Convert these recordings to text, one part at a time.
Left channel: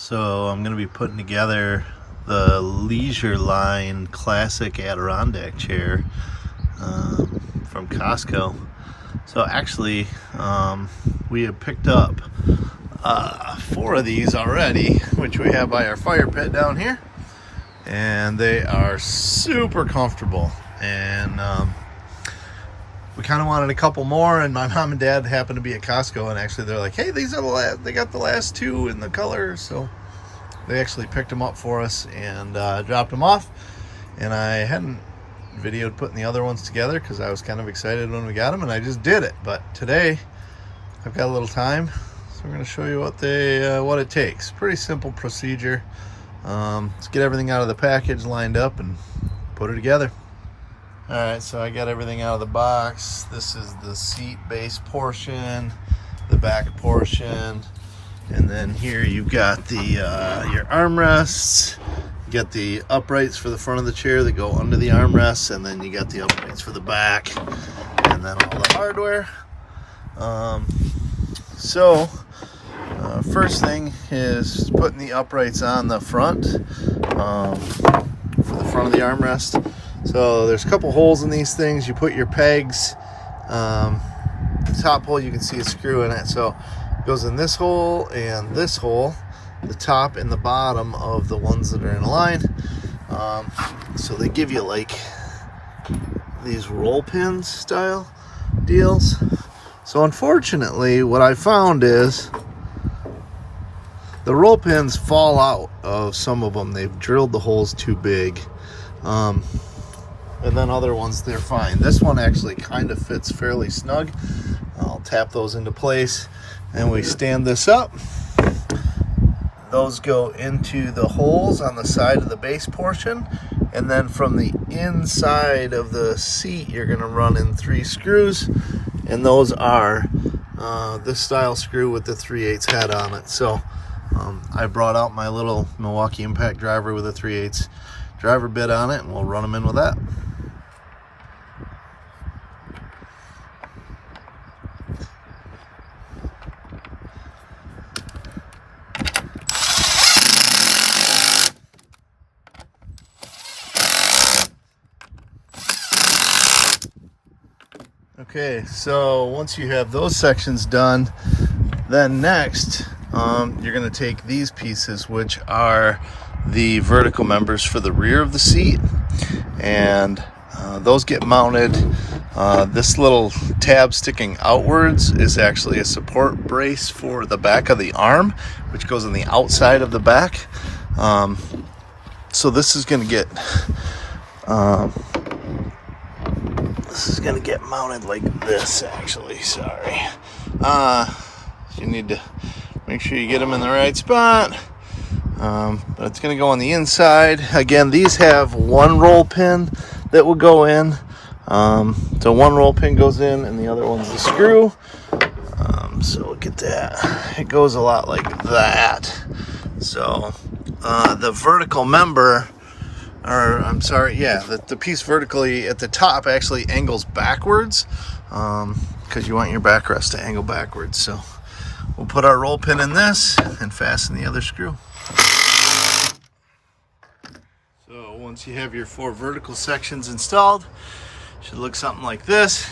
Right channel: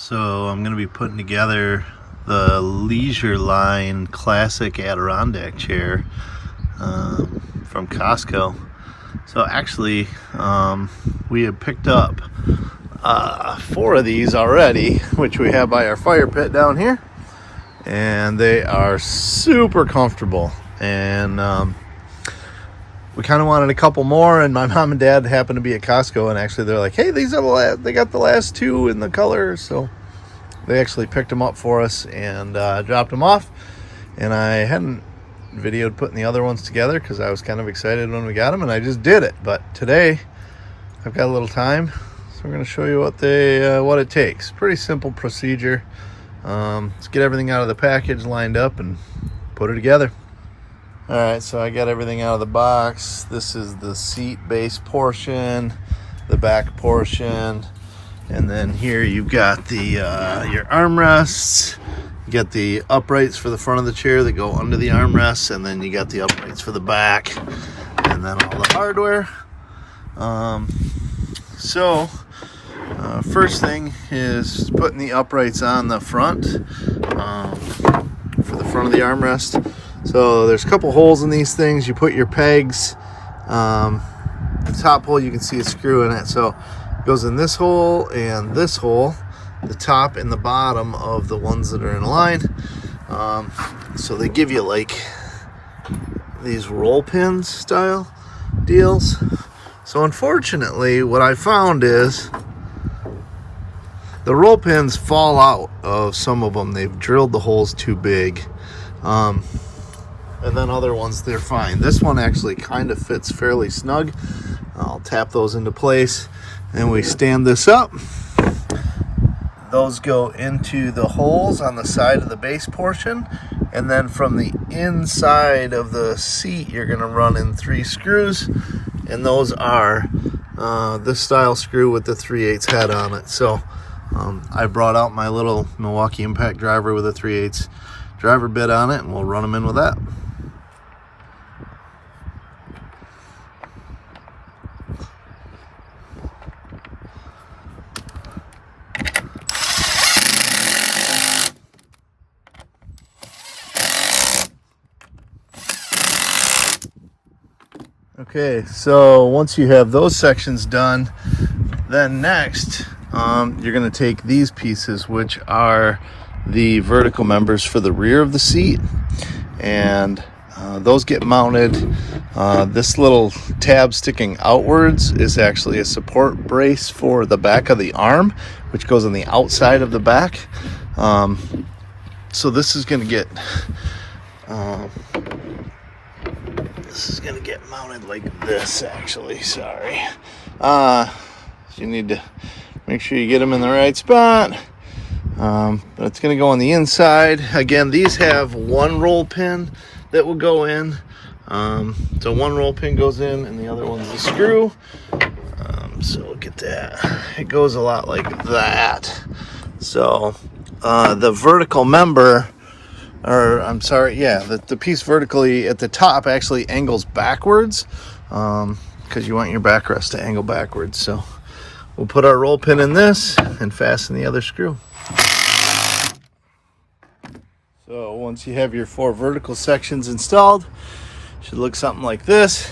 So I'm going to be putting together the Leisure Line Classic Adirondack chair from Costco. So actually we have picked up 4 of these already, which we have by our fire pit down here, and they are super comfortable. And we kind of wanted a couple more, and my mom and dad happened to be at Costco, and actually they're like, hey, these are they got the last 2 in the color. So they actually picked them up for us and dropped them off. And I hadn't videoed putting the other ones together because I was kind of excited when we got them, and I just did it. But today I've got a little time, so I'm going to show you what it takes. Pretty simple procedure. Let's get everything out of the package, lined up, and put it together. All right, so I got everything out of the box. This is the seat base portion, the back portion, and then here you've got the your armrests. You got the uprights for the front of the chair that go under the armrests, and then you got the uprights for the back, and then all the hardware. First thing is putting the uprights on the front for the front of the armrest. So there's a couple holes in these things. You put your pegs. The top hole, you can see a screw in it. So it goes in this hole and this hole, the top and the bottom of the ones that are in line. So they give you like these roll pins style deals. So unfortunately, what I found is the roll pins fall out of some of them. They've drilled the holes too big. And then other ones, they're fine. This one actually kind of fits fairly snug. I'll tap those into place, and we stand this up. Those go into the holes on the side of the base portion, and then from the inside of the seat, you're gonna run in 3 screws, and those are this style screw with the 3/8 head on it. So I brought out my little Milwaukee Impact driver with a 3/8 driver bit on it, and we'll run them in with that. Okay, so once you have those sections done, then next you're going to take these pieces, which are the vertical members for the rear of the seat, and those get mounted. This little tab sticking outwards is actually a support brace for the back of the arm, which goes on the outside of the back. So this is going to get mounted like this, actually. Sorry. You need to make sure you get them in the right spot. But it's going to go on the inside. Again, these have 1 roll pin that will go in. So 1 roll pin goes in, and the other one's a screw. So look at that. It goes a lot like that. So the vertical member, the piece vertically at the top actually angles backwards, because you want your backrest to angle backwards. So we'll put our roll pin in this and fasten the other screw. So once you have your 4 vertical sections installed, it should look something like this.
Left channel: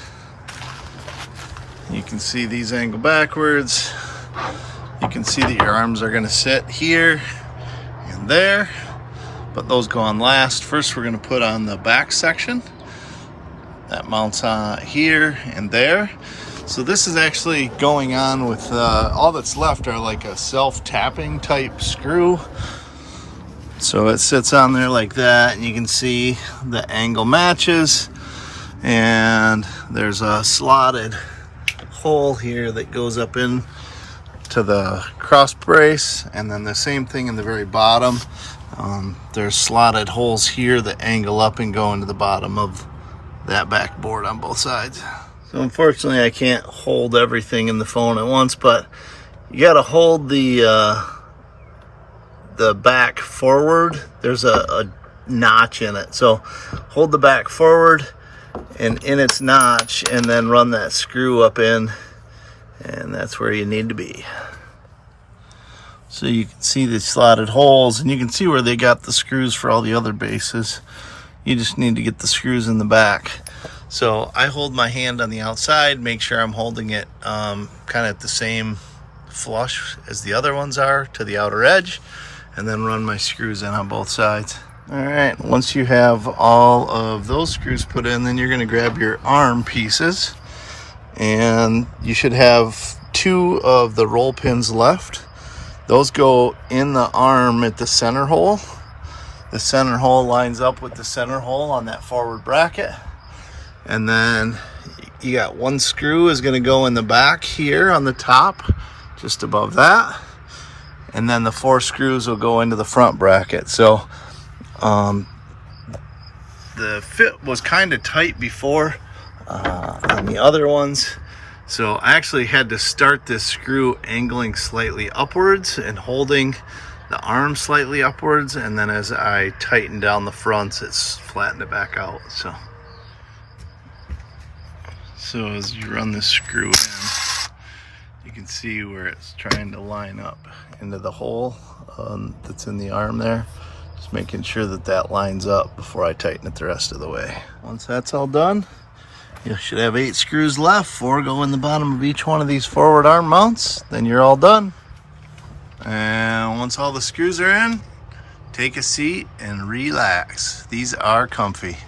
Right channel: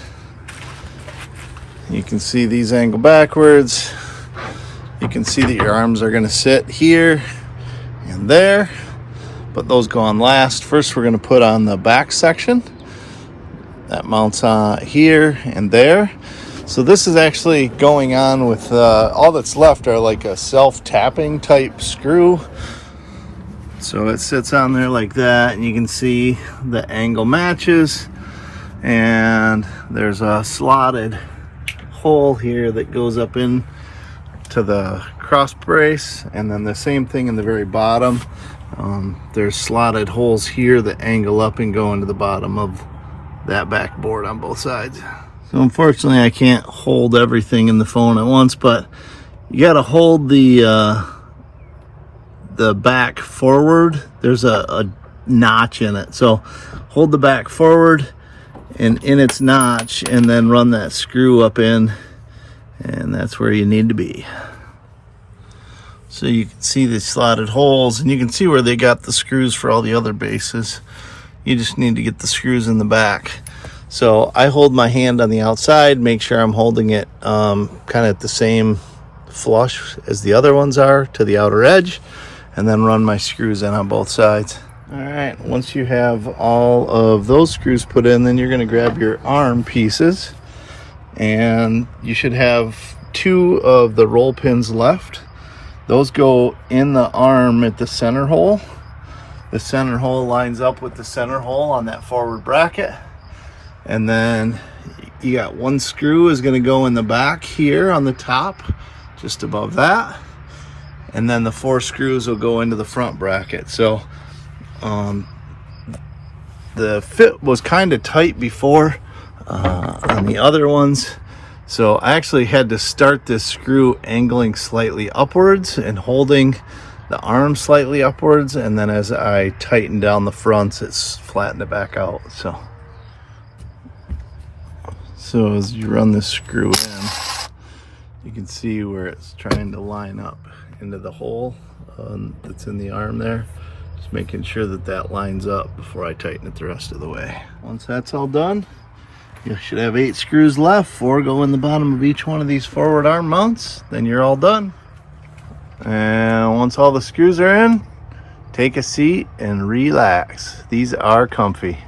You can see these angle backwards. You can see that your arms are going to sit here and there, but those go on last. First, we're going to put on the back section. That mounts on here and there. So this is actually going on with all that's left are like a self-tapping type screw. So it sits on there like that, and you can see the angle matches, and there's a slotted hole here that goes up in to the cross brace, and then the same thing in the very bottom. There's slotted holes here that angle up and go into the bottom of that backboard on both sides. So unfortunately I can't hold everything in the phone at once, but you got to hold the back forward. There's a notch in it, so hold the back forward and in its notch, and then run that screw up in, and that's where you need to be. So you can see the slotted holes, and you can see where they got the screws for all the other bases. You just need to get the screws in the back. So I hold my hand on the outside, make sure I'm holding it kind of at the same flush as the other ones are to the outer edge, and then run my screws in on both sides. All right, once you have all of those screws put in, then you're going to grab your arm pieces, and you should have 2 of the roll pins left. Those go in the arm at the center hole. The center hole lines up with the center hole on that forward bracket. And then you got 1 screw is going to go in the back here on the top, just above that. And then the 4 screws will go into the front bracket. So the fit was kind of tight before on the other ones. So I actually had to start this screw angling slightly upwards and holding the arm slightly upwards, and then as I tighten down the fronts, it's flattened it back out. So as you run this screw in, you can see where it's trying to line up into the hole that's in the arm there. Just making sure that that lines up before I tighten it the rest of the way. Once that's all done, you should have 8 screws left. 4 go in the bottom of each one of these forward arm mounts. Then you're all done. And once all the screws are in, take a seat and relax. These are comfy.